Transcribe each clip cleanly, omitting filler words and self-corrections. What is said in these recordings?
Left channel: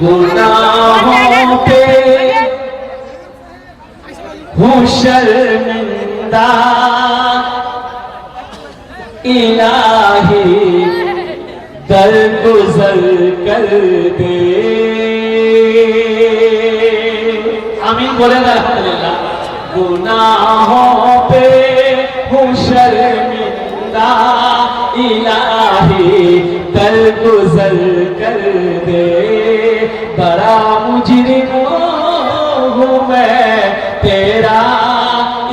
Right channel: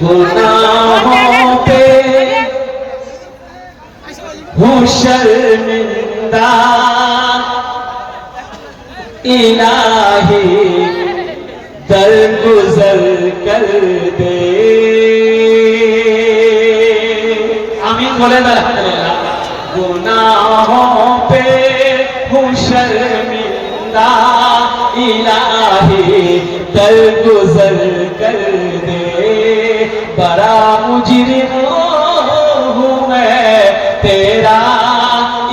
गुनाहों पे हूँ शर्मिंदा, इलाही दरगुजर कर दे। आमीन बोले ना। गुनाहों पे हूँ शर्मिंदा, इलाही दरगुजर कर दे। बड़ा मुजरिम हूँ मैं तेरा,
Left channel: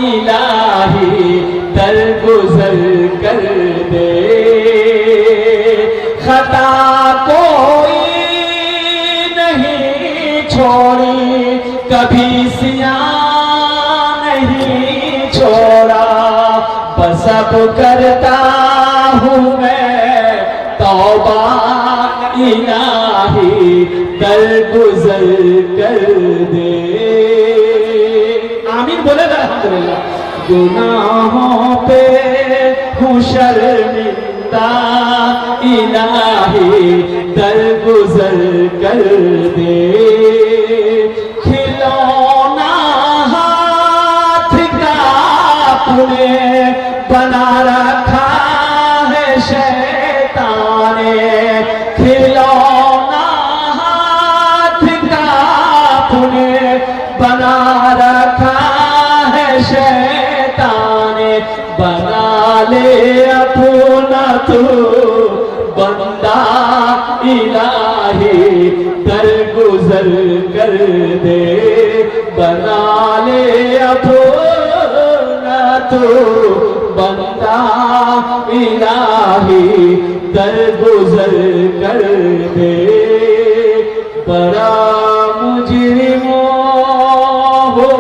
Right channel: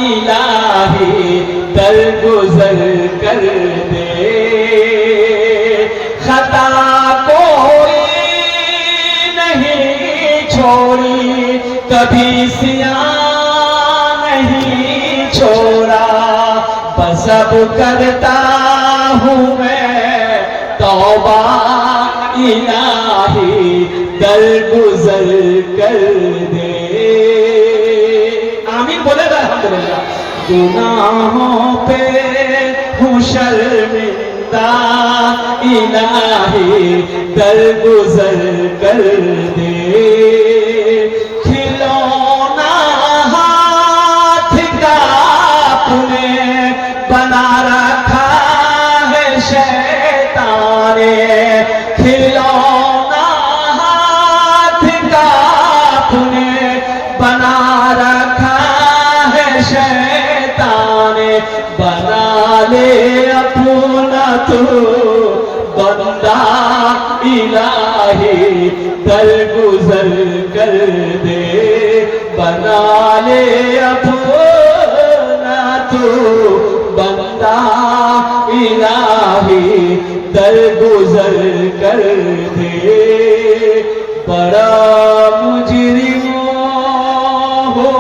इलाही दरगुजर कर दे। खता कोई नहीं छोड़ी, कभी सियां नहीं छोड़ा। बस अब करता हूँ मैं तौबा, इलाही दरगुजर कर दे। आमीन बोले अल्हम्दुलिल्लाह। गुनाहों पे हूँ शर्मिंदा, इलाही दरगुजर कर दे। खिलौना हाथ का तूने बना रखा है शैतान ने। खिलौना हाथ का तूने बना रखा है शैतान ने। बना ले अपना तू बंदा, इलाही दरगुजर कर दे। बना ले अपना तू बंदा, इलाही दरगुजर कर दे। बड़ा मुजरिम हो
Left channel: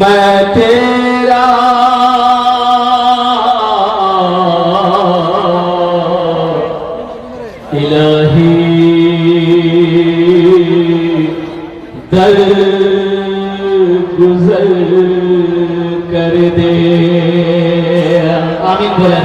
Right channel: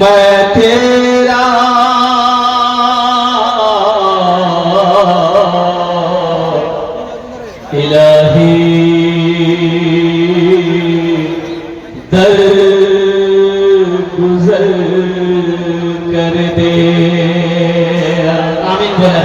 मैं तेरा, इलाही दरगुजर कर दे। आमीन बोला।